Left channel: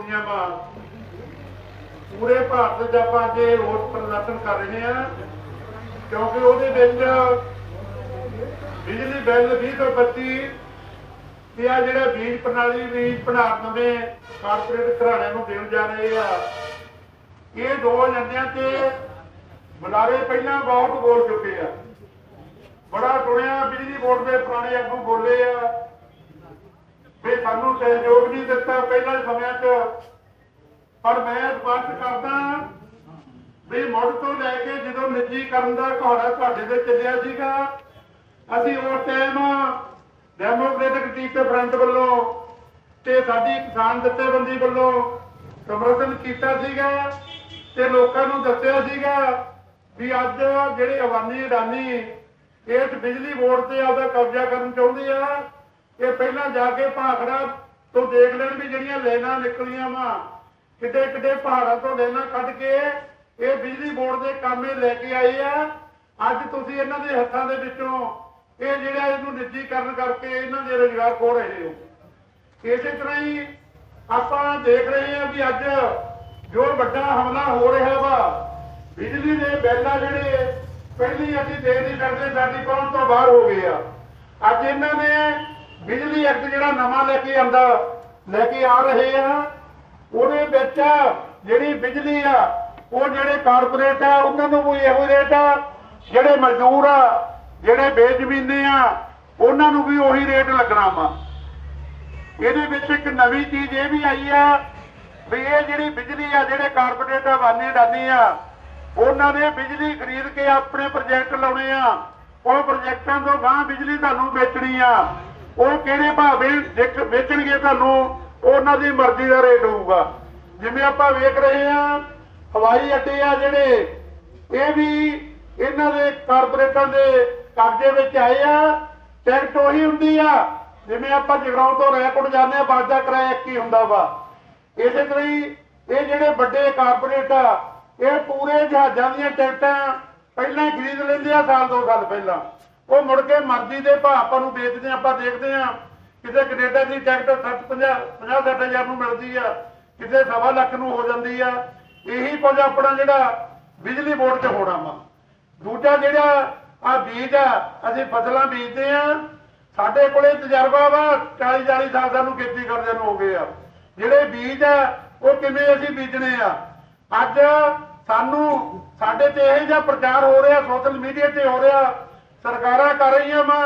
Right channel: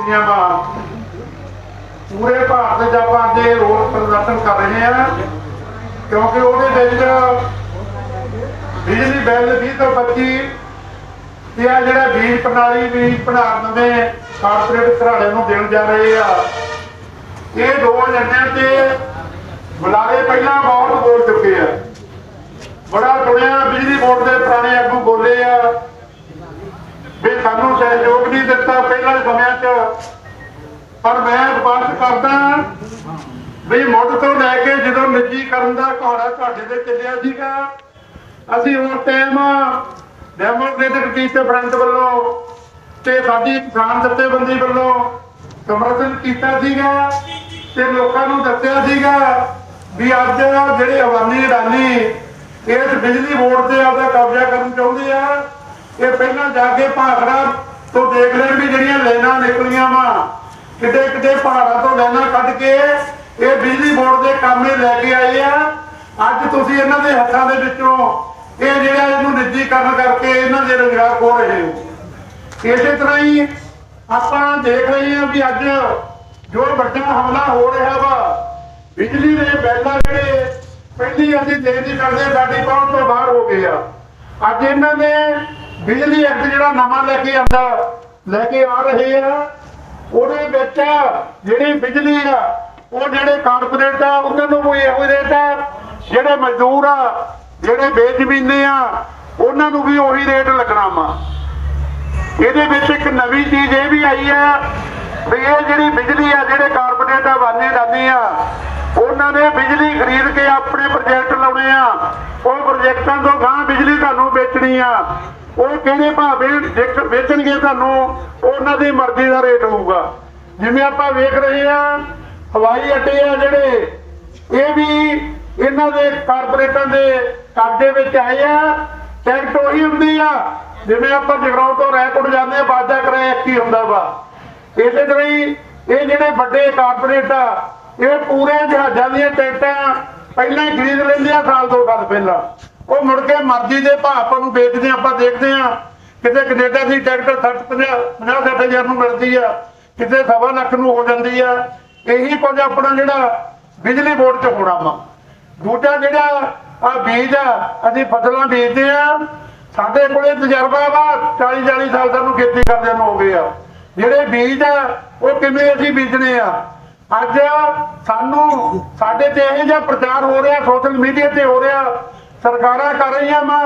ਚੁੱਕੀਆਂ ਵਾ ਪੂਰੇ ਭਾਰਤ 'ਚ ਆਪਾਂ ਅੱਜ ਇਹ ਰੋਸ ਪ੍ਰਦਰਸ਼ਨ ਕਰ ਰਹੇ ਹਾਂ, ਕਿਉਂਕਿ ਉਹਦੇ ਵਿੱਚ ਬਿਜਲੀ ਬਿੱਲ 2025 ਤੇ ਆ ਜਿਹੜਾ ਬੀਜ ਪ੍ਰਣਾਲੀ ਬੀਜ ਭੰਡਾਰ ਨਵੇਂ ਕਾਰਪੋਰੇਟ ਘਰਾਣੇ ਨੂੰ ਦੇਣ ਜਾ ਰਹੇ ਆ। ਇਹ ਦੋ ਏਜੰਡਿਆਂ ਤੇ ਬੁਲਾਰੇ ਪਹਿਲਾਂ ਬਹੁਤ ਬੋਲ ਚੁੱਕੇ ਆ। ਬੜਾ ਸੁਣਿਆ, ਬਿਜਲੀ ਬੋਰਡ ਦੇ ਪੁਰਾਣੇ ਆਗੂ ਬੋਲੇ ਆ ਵੀ ਸਾਨੂੰ ਸਹਿਯੋਗ ਨਹੀਂ ਦਿੱਤਾ ਪਹਿਲਾਂ ਸਮਿਆਂ 'ਚ। ਪਰ ਮੈਂ ਸਪਸ਼ਟ ਕਰਦਾ ਵੀ ਮੁੱਢ ਤੋਂ ਲੈ ਕੇ ਜਦੋਂ ਨਿੱਜੀਕਰਨ ਦਾ ਘੋੜਾ ਤੁਹਾਡੇ ਤੇ ਚੱਲਿਆ ਸੀਗਾ, ਅਸੀਂ ਉਸ ਟਾਈਮ ਡੈਮੋਕ੍ਰੈਟਿਕ ਟੀਚਰ ਫਰੰਟ ਵੱਲੋਂ ਤੇ ਸਾਡੀ ਕਿਸਾਨ ਜਥੇਬੰਦੀ ਵੱਲੋਂ ਸਮਰਥਨ ਕੀਤਾ ਸੀਗਾ ਤੇ ਲੋਕਾਂ ਨੂੰ ਦੱਸਿਆ ਸੀਗਾ ਵੀ ਅੱਜ ਜਿਹੜੇ ਅਵਾਨੀ ਅਡਾਨੀ ਇਸ ਬਿਜਲੀ ਬੋਰਡ ਤੇ ਆਪਦਾ ਕਬਜ਼ਾ ਕਰਨ ਚਾਹੁੰਦੇ ਆ ਇਹ ਪਹਿਲਾਂ ਜਾ ਕੇ ਭਾਖੜਾ ਤੋਂ ਦੇਖ ਲੈਣ ਵੀ ਜਿਹੜੀਆਂ ਲਾਈਨਾਂ ਨਿਕਲੀਆਂ ਵਾ ਕਿੱਡੇ ਕਿੱਡੇ ਪਹਾੜਾਂ ਤੋਂ ਲਾਈਨਾਂ ਕੱਢ ਕੇ ਇਹ ਬਿਜਲੀ ਬੋਰਡ ਦੇ ਕਾਮੇ ਲੈ ਕੇ ਆਏ ਆ। ਅੱਜ ਤੁਸੀਂ ਇਹਨਾਂ ਦੇ ਹੱਥਾਂ ਦੇ ਵਿੱਚੋਂ ਇਹ ਜਿਹੜਾ ਇਹਨੂੰ ਨਿੱਜੀਕਰਨ ਕਰਕੇ ਇਹਨਾਂ ਦੇ ਰੁਜ਼ਗਾਰ ਖੋ ਰਹੇ ਹੋ। ਇਸੇ ਤਰ੍ਹਾਂ ਹੀ ਆਪਾਂ ਦੇਖ ਰਹੇ ਹਾਂ ਵੀ ਅੱਜ ਜੋ ਵੱਡਾ ਹਮਲਾ ਹੋ ਰਿਹਾ ਵਾ, ਬਿਜਲੀ ਦੇ ਬਿੱਲ ਆ ਜਿਹੜੇ ਪਹਿਲੀ ਅਸੀਂ ਦੇਣ ਕਰਦੇ ਸਾਡੀ ਪਹੁੰਚ ਤੋਂ ਬਾਹਰ ਹੋ ਗਏ ਆ। ਅੱਜ ਇਹਨਾਂ ਨੇ ਬਿਜਲੀ ਐਕਟ ਜਿਹੜਾ ਨਵਾਂ ਲੈ ਕੇ ਆਂਦਾ, ਲੈ ਕੇ ਆ ਰਹੇ ਆ, ਉਹਦੇ ਵਿੱਚ ਜਿਹੜੀ ਬਿਜਲੀ ਆ, ਉਹ ਜਿਹੜੇ ਕਾਰਪੋਰੇਟ ਆ, ਉਹਨਾਂ ਨੂੰ ਵੀ ਇਹੋ ਰੇਟ ਆ। ਜਿਹੜੇ ਮਜ਼ਦੂਰ ਆ, ਜਿਹੜੇ ਬੇਜ਼ਮੀਨੇ ਆ, ਉਹਨਾਂ ਨੂੰ ਵੀ ਉਹੀ ਰੇਟ ਲੱਗਣਾ ਵਾ। ਇਹਦੇ ਵਿੱਚ ਇੱਕ ਨਵੀਂ ਚੀਜ਼ ਇਹ ਵੀ ਆਈ ਆ ਵੀ ਇਹ ਜਿਹੜੀ ਬਿਜਲੀ ਆ, ਜਿਹੜੇ ਕਾਰਪੋਰੇਟ ਆ, ਵਾਨੇ ਦਾਨੇ ਆ, ਉਹਨਾਂ ਨੇ ਬਿਜਲੀ ਖਰੀਦ ਕੇ ਆਪਣੇ ਪ੍ਰੋਜੈਕਟ ਲਾਉਣੇ ਆ। ਉਹ ਪ੍ਰੋਜੈਕਟਾਂ ਤੋਂ ਗਾਂ ਬਿਜਲੀ ਤੁਹਾਨੂੰ ਵੇਚਣੀ ਆ। ਉਹ ਕਿਹੜੇ ਭਾਵੇਂ ਵੇਚ- ਵੇਚਣਗੇ ਤੁਹਾਨੂੰ, ਉਹਨਾਂ ਦੀ ਮਰਜ਼ੀ ਦਾ ਰੇਟ ਹੋਊਗਾ। ਜਿਵੇਂ ਆਪਾਂ ਵੇਖ ਰਹੇ ਆ ਹਵਾਈ ਅੱਡੇ ਆ ਜਿਹੜੇ, ਇਹ ਵੀ ਇਹਨਾਂ ਦੇ ਕਾਰਪੋਰੇਟਾਂ ਦੇ ਕਬਜ਼ੇ ਵਿੱਚ ਆਏ ਆ ਟਿਕਟ ਉਹੀ ਹੁੰਦੀ ਆ। ਜਿਵੇਂ ਆਪਾਂ ਜਗਰਾਉਂ ਤੋਂ ਰੈਕੋਟ ਜਾਂਦੇ ਆ ਬਾਜਾ ਕਿਰਾਇਆ ਇੱਕ ਹੀ ਹੁੰਦਾ ਵਾ। ਇਸੇ ਤਰ੍ਹਾਂ ਹੀ ਇਹ ਜਿਹੜੇ ਵੱਡੇ ਕਾਰਪੋਰੇਟ ਆ, ਇਹ ਪੂਰੇ ਜਹਾਜ਼ਾਂ ਦੀਆਂ ਟਿਕਟਾਂ ਪਹਿਲਾਂ ਹੀ ਖਰੀਦ ਲੈਂਦੇ ਆ, ਸਾਲ ਦੋ ਸਾਲ ਪਹਿਲਾਂ। ਉਹ ਮੁੜ ਕੇ ਮਰਜ਼ੀ ਦੇ ਭਾਅ ਆਪਾਂ ਨੂੰ ਵੇਚਦੇ ਆ ਆਪਾਂ ਦੇਖਦੇ ਆ ਕਿਤੇ ਕੈਨੇਡਾ ਦੀ ਟਿਕਟ 60 50 50 60 ਹਜ਼ਾਰ ਨੂੰ ਮਿਲਦੀ ਆ। ਕਿਤੇ ਸਵਾ ਲੱਖ ਨੂੰ ਹੋ ਜਾਂਦੀ ਆ। ਇਹੀ ਕੁਝ ਆਪਣਾ ਜਿਹੜਾ ਬਿਜਲੀ ਬੋਰਡ 'ਚ ਹੋਣਾ ਵਾ। ਦੂਜਾ ਜਿਹੜਾ ਆ ਬੀਜ ਆ, ਅਸੀਂ ਫਸਲਾਂ ਬੀਜਦੇ ਆ ਸਾਡੇ ਕੋਲੇ ਤਜਰਬਾ ਵਾ 40 40 ਸਾਲ ਸਾਨੂੰ ਖੇਤੀ ਕਰਦਿਆਂ ਨੂੰ ਹੋ ਗਏ ਆ। ਜਿਹੜੇ ਬੀਜ ਆ, ਉਹ ਕਿਵੇਂ ਅਸੀਂ ਬੀਜਣੇ ਆ? ਅੱਜ ਸਾਨੂੰ ਸਾਡੇ ਤੇ ਇਹ ਜਿਹਾ ਪ੍ਰਚਾਰ ਹੋ ਰਿਹਾ, ਸੋਸ਼ਲ ਮੀਡੀਆ ਤੇ ਹੋ ਰਿਹਾ। ਸਰਕਾਰਾਂ ਕਰ ਰਹੀਆਂ ਵਾ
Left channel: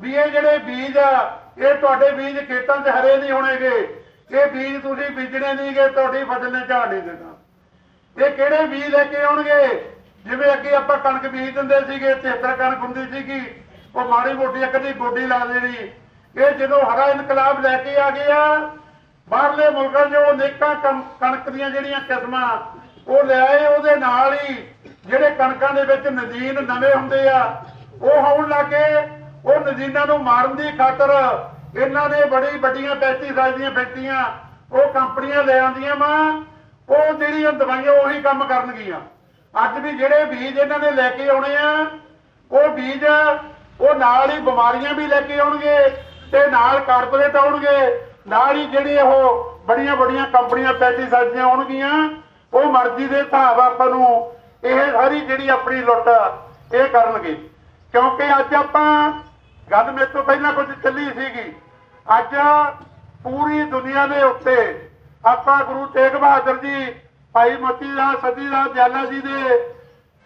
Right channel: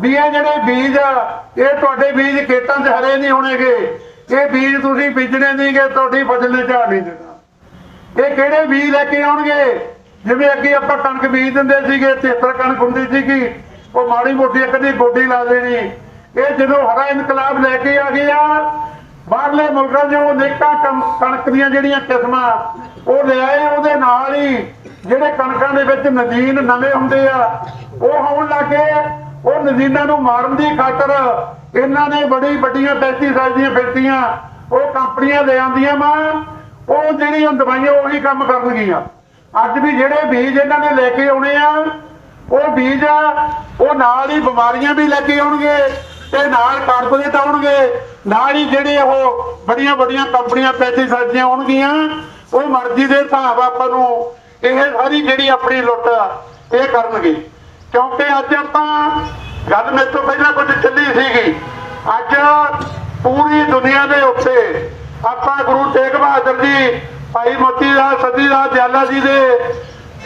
ਵੀ ਇਹ ਜਿਹੜੇ ਬੀਜ ਆ, ਇਹ ਤੁਹਾਡੇ ਬੀਜ ਖੇਤਾਂ 'ਚ ਹਰੇ ਨਹੀਂ ਹੋਣਗੇ। ਇਹ ਬੀਜ ਤੁਸੀਂ ਬੀਜਣੇ ਨਹੀਂਗੇ ਤੁਹਾਡੀ ਫਸਲ ਨੇ ਝਾੜ ਨਹੀਂ ਦੇਣਾ। ਇਹ ਕਿਹੜੇ ਬੀਜ ਲੈ ਕੇ ਆਉਣਗੇ? ਜਿਵੇਂ ਅੱਗੇ ਆਪਾਂ ਕਣਕ ਬੀਜ ਦਿੰਦੇ ਸੀਗੇ 73 ਕਣਕ ਹੁੰਦੀ ਸੀਗੀ, ਉਹ ਮਾੜੀ ਮੋਟੀ ਇੱਕ ਗੋਡੀ ਲਾ ਦੇਣੀ। ਇਹ ਜਦੋਂ ਹਰਾ ਇਨਕਲਾਬ ਲੈ ਕੇ ਆ ਗਿਆ ਬਾਹਰਲੇ ਮੁਲਕਾਂ 'ਚ ਉਹ ਨੇਕਾਂ ਕਣਕ ਦੀਆਂ ਜਿਹੜੀਆਂ ਕਿਸਮਾਂ, ਉਹ ਲਿਆਏ ਉਹਦੇ ਨਾਲ ਹੀ ਜਿਹੜੇ ਕਣਕਾਂ ਦੇ ਵਿੱਚ ਨਦੀਨ ਨਵੇਂ ਹੁੰਦੇ ਆ, ਉਹ ਹੋਣ ਲੱਗੇ ਉਹ ਨਦੀਨਾਂ ਨੂੰ ਮਾਰਨ ਦੀ ਖਾਤਰ ਇਹਨਾਂ ਨੇ ਬੜੀ ਵੱਡੀਆਂ ਪੈਸਟੀਸਾਈਡ ਦੀਆਂ ਫੈਕਟਰੀਆਂ, ਉਹ ਕੰਪਨੀਆਂ ਲੈ ਆਂਦੀਆਂ ਵਾ। ਉਹ ਜਿਹੜੀਆਂ ਦਵਾਈਆਂ ਉਹੀ ਕੰਮ ਕਰਨਗੀਆਂ। ਅੱਜ ਵੀ ਜਿਹੜੇ ਬੀਜ ਇਹਨਾਂ ਨੇ ਲੈ ਕੇ ਆਉਣੇ ਆ, ਉਹ ਬੀਜ ਉਹ ਨਾਲ ਹੀ ਬਿਮਾਰੀਆਂ ਵੀ ਲੈ ਕੇ ਆਉਣਗੇ ਤੇ ਨਾਲ ਕਾਰਪੋਰੇਟ ਆਉਣਗੇ ਨਾਲ ਹੀ ਜਿਹੜੇ ਉਹ ਬੜੀਆਂ ਬੜੀਆਂ ਕੰਪਨੀਆਂ ਪੈਸਟੀਸਾਈਡ ਦੀਆਂ ਆਉਣਗੀਆਂ, ਉਹ ਮਰਜ਼ੀ ਦੇ ਹਿਸਾਬ ਆਪਾਂ ਨੂੰ ਇਹ ਸਾਰੀ ਜਿਹੜੀ ਆਪਣੀ ਲੁੱਟ ਆ, ਇਹ ਕਰਨਗੇ। ਕਿਉਂਕਿ ਅੱਜ ਆਪਾਂ ਗੱਲ ਮੇਰੇ ਤੋਂ ਪਹਿਲਾਂ ਕੁਝ ਚੱਲੀ ਸੀਗੀ। ਅੱਜ ਪੂਰੀ ਦੁਨੀਆ ਦੇ ਉੱਤੇ ਆਪਾਂ ਗੁਰੂ ਤੇਗ ਬਹਾਦਰ ਜੀ ਭਾਈ ਮੋਤੀ ਦਾਸ ਸਤੀ ਦਾਸ ਦਿਆਲਾ ਜੀ ਦੇ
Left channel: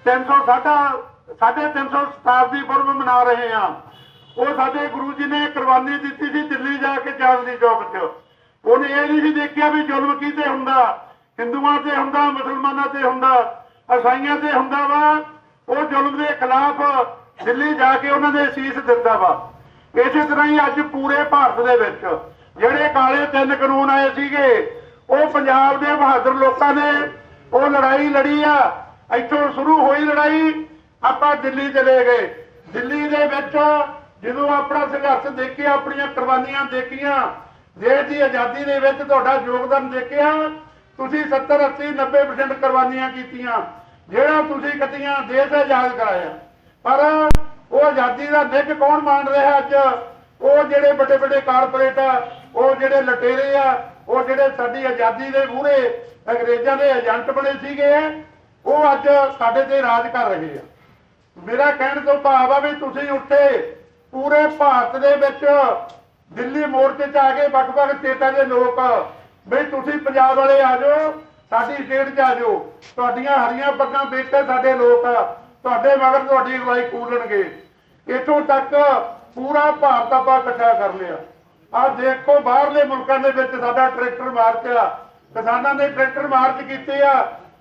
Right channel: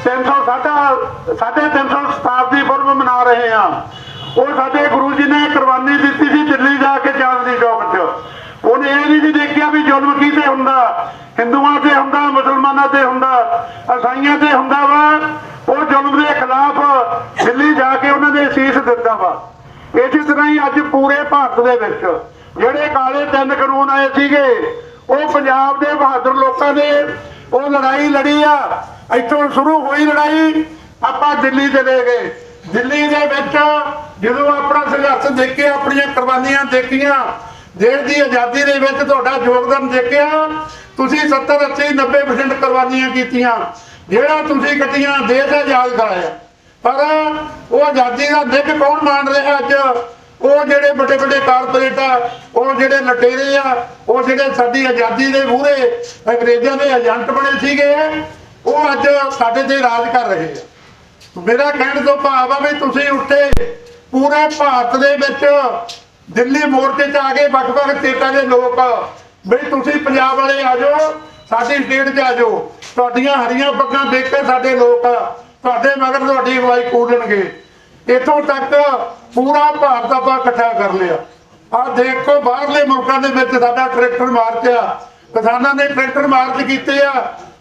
300 ਸਾਡਾ ਸਾਢੇ 300 ਸ਼ਤਾਬਦੀ ਪੁਰਬ ਮਨਾ ਰਹੇ ਹਾਂ। ਉਹ ਸਾਡੇ ਗੁਰੂ ਜੀ ਨੇ ਕੁਰਬਾਨੀ ਦਿੱਤੀ ਸੀ ਦਿੱਲੀ ਜਾ ਕੇ ਚਾਂਦਨੀ ਚੌਕ 'ਚ। ਉਹਨੇ ਇਹ ਨਹੀਂ ਸੀ ਦੇਖਿਆ ਵੀ ਜ਼ੁਲਮ ਕੀਤੇ ਹੁੰਦਾ। ਹਿੰਦੂਆਂ ਤੇ ਹੁੰਦਾ, ਮੁਸਲਮਾਨਾਂ ਤੇ ਹੁੰਦਾ ਅਸਾਈਆਂ ਤੇ ਹੁੰਦਾ ਵਾ, ਉਹ ਜ਼ੁਲਮ ਦੇ ਖਿਲਾਫ ਦਿੱਲੀ ਜਾ ਕੇ ਉਹਨਾਂ ਨੇ ਸੀਸ ਦਿੱਤਾ ਵਾ। ਇਸੇ ਤਰ੍ਹਾਂ ਹੀ ਅੱਜ ਪੂਰੇ ਭਾਰਤ ਦੇ ਵਿੱਚ ਜਿਹੜੇ ਕਾਲੇ ਤਿੰਨ ਕਾਨੂੰਨ ਆਏ ਸੀਗੇ, ਉਹ ਪੰਜਾਬ ਦੇ ਬਹਾਦਰ ਲੋਕਾਂ ਨੇ ਉਹ ਲੜਾਈ ਲੜੀ ਆ। ਇੱਥੋਂ ਸ਼ੁਰੂ ਹੋਈ ਲੜਾਈ, ਆਪਾਂ ਦਿੱਲੀ ਚਲੇ ਗਏ। ਦਿੱਲੀ ਦੇ ਵਿੱਚ ਜਦੋਂ ਆਪਣਾ ਸੰਘਰਸ਼ ਦੇਖਿਆ, ਆਪਣੀਆਂ ਕੁਰਬਾਨੀਆਂ ਦੇਖੀਆਂ ਦੇਸ਼ ਦੀ ਆਜ਼ਾਦੀ ਦੇ ਵਿੱਚ ਤੁਹਾਡਾ ਯੋਗਦਾਨ ਦੇਖਿਆ। ਤੁਸੀਂ 70 80 90% ਕੁਰਬਾਨੀਆਂ ਕੀਤੀਆਂ। ਜਿਹੜਾ ਤੁਸੀਂ ਕੱਟੀਆਂ, ਦੇਸ਼ ਆਜ਼ਾਦ ਕਰਾਇਆ ਪਰ ਉਹ ਆਜ਼ਾਦੀ ਦਾ ਨਿੱਘ ਕੌਣ ਮਾਣ ਰਿਹਾ ਅੱਜ? ਉਹ ਜਿਹੜੇ ਵੱਡੇ ਵੱਡੇ ਕਾਰਪੋਰੇਟ ਆ, ਉਹ ਜਿਹੜੇ ਲਟੇਰੇ ਆ, ਉਹ ਜਿਹੜੇ ਸਾਡੀ ਆਜ਼ਾਦੀ ਦੇ ਮੂਹਰੇ ਅੰਗਰੇਜ਼ਾਂ ਦੇ ਏਜੰਟ ਬਣੇ ਸੀਗੇ, ਉਹ ਅੱਜ ਸਾਡੇ ਤੇ ਰਾਜ ਕਰ ਰਹੇ ਆ। ਮੇਰਾ ਕਹਿਣ ਤੋਂ ਭਾਵ ਆ ਵੀ ਤੁਸੀਂ ਉੱਠੇ। ਪੂਰੇ ਭਾਰਤ ਦੇ ਵਿੱਚ ਦਿੱਲੀ ਮੋਰਚੇ 'ਚ ਆ ਕੇ ਵੱਖ-ਵੱਖ ਸਟੇਟਾਂ ਦੇ ਲੋਕ ਵੀ ਤੁਸੀਂ ਪੰਜਾਬ ਵਾਲੇ ਆ ਜਾਓ, ਸਾਡੀ ਸਟੇਟ 'ਚ ਆ ਜਾਓ। ਤੁਹਾਡੀਆਂ ਹਰੀਆਂ ਪੱਗਾਂ ਦੇਖ ਕੇ ਸਾਡੇ ਲੋਕ, ਤੁਹਾਡੇ ਮਗਰ ਤੁਹਾਡੀ ਅਗਵਾਈ ਕੋਲਣਗੇ ਇੱਥੋਂ ਤੱਕ ਪੂਰਾ ਭਾਰਤ ਆਪਾਂ ਇਕੱਠਾ ਕਰ ਲਿਆ। ਆ ਦੇਖੋ, ਬਾਹਰਲੇ ਮੁਲਕਾਂ ਦੇ ਵਿੱਚ ਸਾਡਾ ਟਰੈਕਟਰ ਮਾਰਚ ਆ ਕਿਸਾਨਾਂ ਨੇ ਟਰੈਕਟਰ ਮਾਰਚ ਕੀਤੇ ਆ।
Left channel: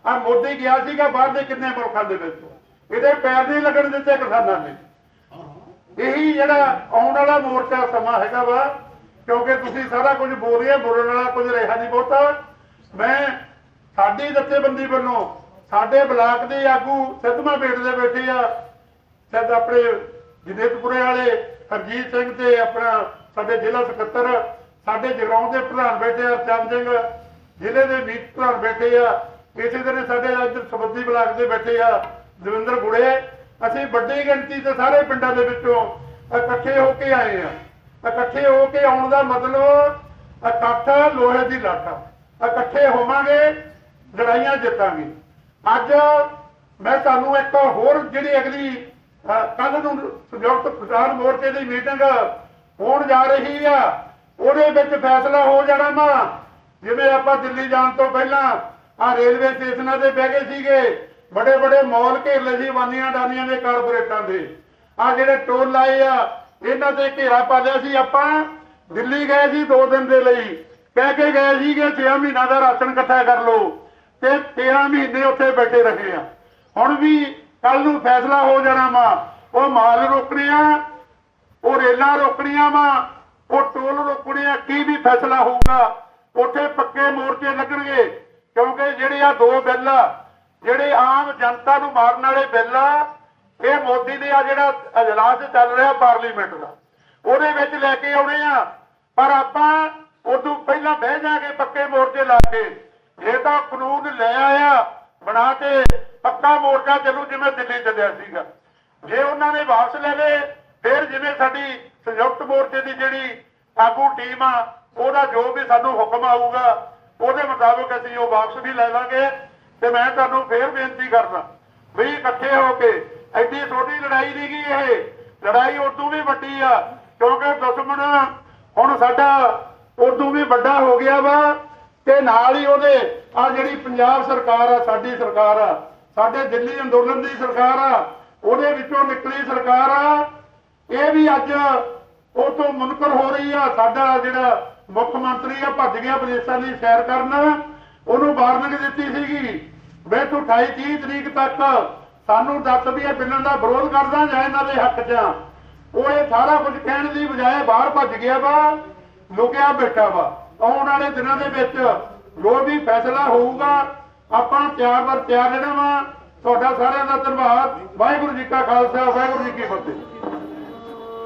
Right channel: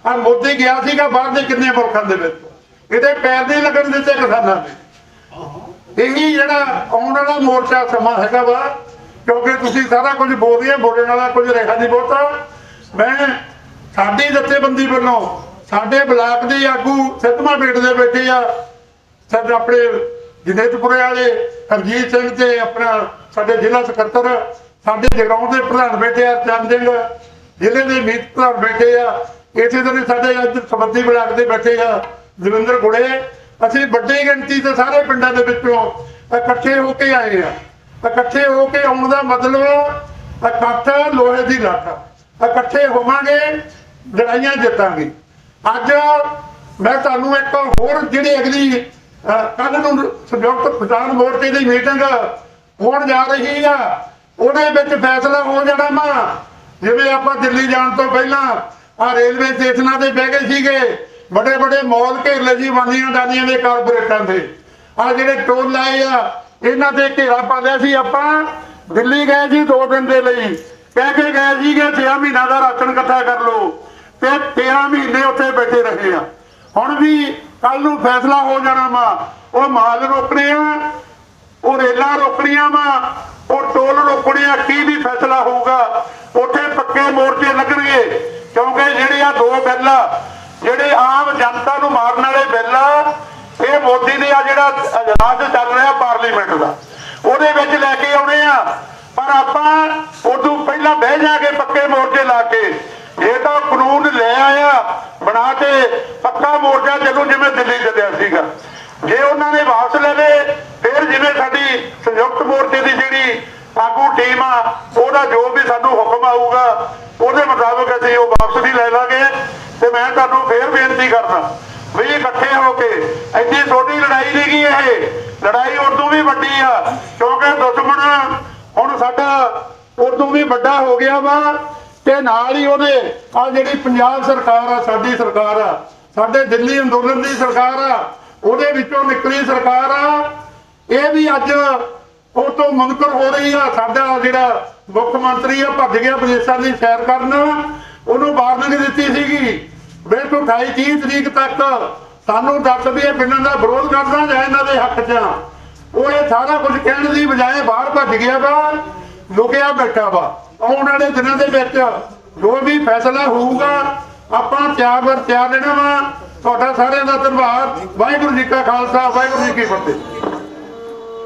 ਆ ਮੋਦੀ ਗਿਆ ਸੀਗਾ ਬਾਹਰ ਦੇ ਕਿੰਨੇ ਮੁਲਕਾਂ ਦੇ ਵਿੱਚ। ਇਹਦੇ ਪੈਰ ਨਹੀਂ ਲੱਗਣ ਦਿੱਤੇ ਕਿਸਾਨਾਂ ਨੇ। ਇਹੀ ਜਿਹੜਾ ਆਉਣ ਵਾਲਾ ਮੋਰਚਾ ਸਮਾਂ ਹੈਗਾ ਵਾ, ਕਿਉਂਕਿ ਤੁਸੀਂ ਸਾਰਾ ਕੁਝ ਬੋਲ ਰਹੇ ਬੋਲਣ ਵਾਲਾ ਕੁਝ ਰਿਹਾ ਨਹੀਂ ਬਹੁਤਾ। ਮੈਂ ਸਾਡੀ ਜਥੇਬੰਦੀ ਵੱਲੋਂ ਸਾਡੇ ਬਲਾਕ ਦੇ ਆਗੂ ਸਿੱਧਵਾਂ ਬੇਟ ਦੇ ਬੈਠੇ ਆ ਸਾਡੇ ਆਪਣੇ ਜਨੇਤਪੁਰੇ ਵਾਲੇ, ਹਰਜੀਤ ਸਿੰਘ ਤੇ ਆਪਣਾ ਸਾਡੇ ਜ਼ਿਲ੍ਹਾ ਸਕੱਤਰ, ਸਾਡੇ ਜਗਰਾਉਂ ਦੇ ਪ੍ਰਧਾਨ ਬੈਠੇ ਆ ਚੰਦ ਸਿੰਘ, ਜ਼ਿਲ੍ਹੇ ਦੇ ਮੀਤ ਪ੍ਰਧਾਨ ਬੈਠੇ ਆ, ਇਸੇ ਤਰ੍ਹਾਂ ਸਾਡੇ ਅੱਜ ਸਬੰਧੀ ਬਲਾਕ ਦੇ ਬੈਠੇ ਆ, ਦਵਿੰਦਰ ਗੁੜੇ ਅਸੀਂ ਵੱਡੀ ਗਿਣਤੀ ਤੇ ਸਾਰੇ ਪਿੰਡਾਂ ਦੇ ਵਿੱਚੋਂ ਇਕੱਠੇ ਹੋ ਕੇ ਆਏ ਆ ਇਕੱਠੇ ਹੋ ਕੇ ਆਉਣ ਦਾ ਮਤਲਬ ਇਕੱਠ ਲੋਹੇ ਦੀ ਲੱਠ ਇਕੱਠੇ ਹੋਵਾਂਗੇ, ਲੜਾਈਆਂ ਜਿੱਤਾਂਗੇ। ਅੱਜ ਮੈਂ ਤੁਹਾਨੂੰ ਇੱਕ ਹੋਰ ਜਿਹੜੀ ਅਗਲੀ ਕੱਲ ਨੂੰ ਸੰਯੁਕਤ ਕਿਸਾਨ ਮੋਰਚੇ ਦੀ ਮੀਟਿੰਗ ਹੋਣ ਜਾ ਰਹੀ ਆ, ਉਹਦੇ ਵਿੱਚ ਫੈਸਲਾ ਹੋ ਜਾਣਾ ਵਾ। ਜਿਵੇਂ ਆਪਾਂ ਦਿੱਲੀ ਜਾਣ ਤੋਂ ਪਹਿਲਾਂ ਆ ਰੇਲਵੇ ਸਟੇਸ਼ਨਾਂ ਤੇ ਬਹਿ ਗਏ ਸੀਗੇ ਬੜੇ ਬੜੇ ਮਾਲ ਘੇਰ ਲਏ ਸੀ ਵਾਨੀਆਂ ਡਾਨੀਆਂ ਦੇ ਕਾਰਪੋਰੇਟਾਂ ਦੇ। ਆ ਜਿਹੜੇ ਟੋਲ ਲਾਏ ਆ, ਇਹਨਾਂ ਤੇ ਘੇਰਾ ਪਾ ਲਿਆ ਸੀ ਆਪਾਂ। ਦਿੱਲੀ ਗਏ ਸੀ ਦੋ ਦਿਨ ਦੇ ਲਈ। ਕਹਿ ਕੇ ਗਏ ਸੀਗੇ 6 ਮਹੀਨਾ ਦਾ ਰਾਸ਼ਨ ਇਕੱਠਾ ਕਰ ਲਓ। ਤੇ 13 ਮਹੀਨੇ ਉੱਥੇ ਬੈਠੇ ਰਹੇ ਆ। ਹੁਣ ਵੀ ਕੱਲ ਨੂੰ ਫੈਸਲਾ ਹੋ ਜਾਣਾ ਵਾ। ਉਹ ਮਾਲ ਰੋਕਣੇ ਆ, ਉਹ ਰੇਲਾਂ ਰੋਕਣੀਆਂ ਵਾ, ਉਹ ਟੋਲ ਰੋਕਣੇ ਆ, ਕੀ ਵੀ ਫੈਸਲਾ ਹੋਊਗਾ। ਉੱਥੇ ਪੱਕੇ ਮੋਰਚੇ ਲੱਗਣਗੇ। ਕਿਉਂਕਿ ਜਿਹੜੇ ਆ ਦੋ ਬਿੱਲ ਜਿਹੜੇ ਆਮ ਜਨਤਾ ਨੂੰ ਮਾਰਨ ਵਾਲੇ ਬਿੱਲ ਆ, ਇਹ ਮੋਦੀ ਦੇ ਆ ਜਿਹੜਾ ਅਜਲਾਸ ਚੱਲ ਰਿਹਾ ਪਾਰਲੀਮੈਂਟ ਦਾ। ਉਹਦੇ ਵਿੱਚ ਲੈ ਕੇ ਆਉਣੇ ਆ। ਪਰ ਆਪਾਂ ਉਦੋਂ ਪਹਿਲਾਂ ਬਹਿ ਜਾਗੇ ਪੱਕੇ ਮੋਰਚੇ ਲਾ ਕੇ ਇਹ ਤਾਂ ਕਾਨੂੰਨ ਲੈ ਆਇਆ ਬਣਾ ਕੇ ਪੱਕਾ ਮੋਰਚਾ ਚੱਲੂ ਜਿਵੇਂ ਦਿੱਲੀ ਚੱਲਿਆ ਸੀਗਾ। ਜੇ ਉਹਨਾਂ ਨੇ ਵਾਪਸ ਲੈ ਲਏ ਫਿਰ ਜਿਵੇਂ ਸਾਡੀ ਸੰਯੁਕਤ ਮੋਰਚੇ ਦੀ ਜਿਹੜੀ ਆਗੂ ਟੀਮ ਆ ਉਹਦਾ ਜੋ ਵੀ ਸਾਨੂੰ ਹੁਕਮ ਆਊਗਾ ਉਹਦੇ ਮੁਤਾਬਕ ਅਸੀਂ ਉਹ ਵਾਪਸ ਵੀ ਲੈ ਲਾਂਗੇ। ਤੇ ਮੈਂ ਤੁਹਾਨੂੰ ਫੇਰ ਬੇਨਤੀ ਕਰਦਾ, ਵੀ ਇਕੱਠੇ ਹੋ ਕੇ ਇੰਨੀ ਛੋਟੀ ਲੜਾਈ ਨਹੀਂ ਗਈ ਇਹ। ਲੜਾਈ ਉਦੋਂ ਵੀ ਵੱਡੀ ਆ, ਕਿਉਂਕਿ ਦੁਸ਼ਮਣ ਹੁਣ ਸਾਡਾ ਉਦੋਂ ਵੀ ਵੱਡਾ ਹੋ ਗਿਆ ਵਾ, ਤੇ ਨਾਲ ਹੀ ਉਹਦੇ ਆ ਜਿਹੜੀ ਪੰਜਾਬ ਸਰਕਾਰ ਆ, ਸਾਡੀ ਸਰਕਾਰ ਆ, ਸਾਡੇ ਦਿੱਲੀ ਅੰਦੋਲਨ ਦੀ ਸਰਕਾਰ ਆ, ਉਹਦੇ ਵਿੱਚੋਂ ਨਿਕਲੀ ਸਰਕਾਰ ਆ। ਇਹ ਵੀ ਅੱਜ ਉਹ ਤੋਂ ਮੁਨਕਰ ਹੋ ਰਹੀ ਆ, ਸਾਡਾ ਜਿਹੜਾ ਮੁੱਖ ਮੰਤਰੀ ਆ, ਭੱਜ ਗਿਆ ਵਿਦੇਸ਼ਾਂ ਦੀ ਸੈਰ ਕਰਨ। ਉਹਨੂੰ ਵਾਰਨਿੰਗ ਦਿੱਤੀ ਸੀਗੀ ਵੇ ਤੂੰ 28 30 ਤਰੀਕ ਤੱਕ ਸਾਨੂੰ ਦੱਸ ਵੀ ਇਹ ਬਿਨਾਂ ਦਾ ਵਿਰੋਧ ਕਰਦਾ ਜਾਂ ਇਹਨਾਂ ਦੇ ਹੱਕ 'ਚ। ਉਹ ਇਹ ਸਾਰਾ ਕੁਝ ਕਹਿਣ ਦੀ ਬਜਾਏ ਬਾਹਰ ਭੱਜ ਗਿਆ ਵਾ, ਲੁਕਿਆ ਬੈਠਾ ਵਾ। ਆਉਣ ਵਾਲੇ ਦਿਨਾਂ ਦੇ ਵਿੱਚ ਜੋ ਵੀ ਫੈਸਲਾ ਹੋਊਗਾ, ਆਪਾਂ ਤਿਆਰ ਬਰ ਤਿਆਰ ਰਹਿਣਾ ਵਾ। ਤੁਹਾਡਾ ਸਾਰਿਆਂ ਦਾ ਧੰਨਵਾਦ। ਵਾਹਿਗੁਰੂ ਜੀ ਕਾ ਖਾਲਸਾ, ਵਾਹਿਗੁਰੂ ਜੀ ਕੀ ਫਤਿਹ।